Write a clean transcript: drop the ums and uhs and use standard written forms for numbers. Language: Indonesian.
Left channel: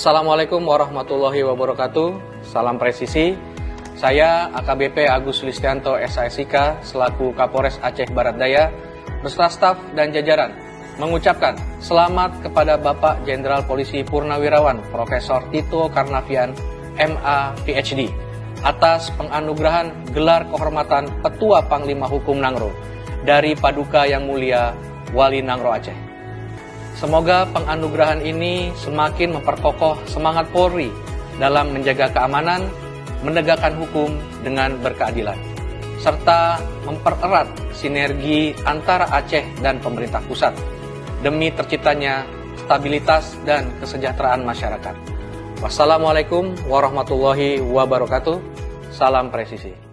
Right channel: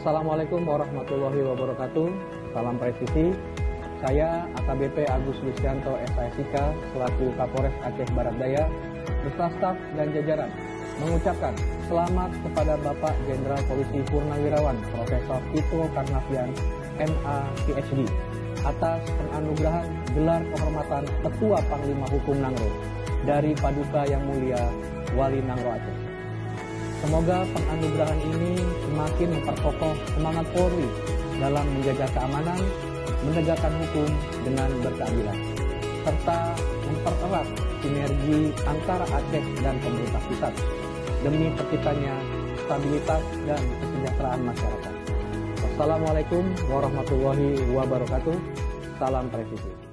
Assalamualaikum warahmatullahi wabarakatuh. Salam presisi. Saya AKBP Agus Listianto SASIK selaku Kapolres Aceh Barat Daya beserta staf dan jajaran mengucapkan selamat kepada Bapak Jenderal Polisi Purnawirawan Profesor Tito Karnavian MA PhD atas penganugerahan gelar kehormatan Ketua Panglima Hukum Nangro dari Paduka Yang Mulia Wali Nangro Aceh. Semoga penganugerahan ini semakin memperkokoh semangat Polri dalam menjaga keamanan, menegakkan hukum dengan berkeadilan, serta mempererat sinergi antara Aceh dan pemerintah pusat demi terciptanya stabilitas dan kesejahteraan masyarakat. Wassalamualaikum warahmatullahi wabarakatuh. Salam presisi.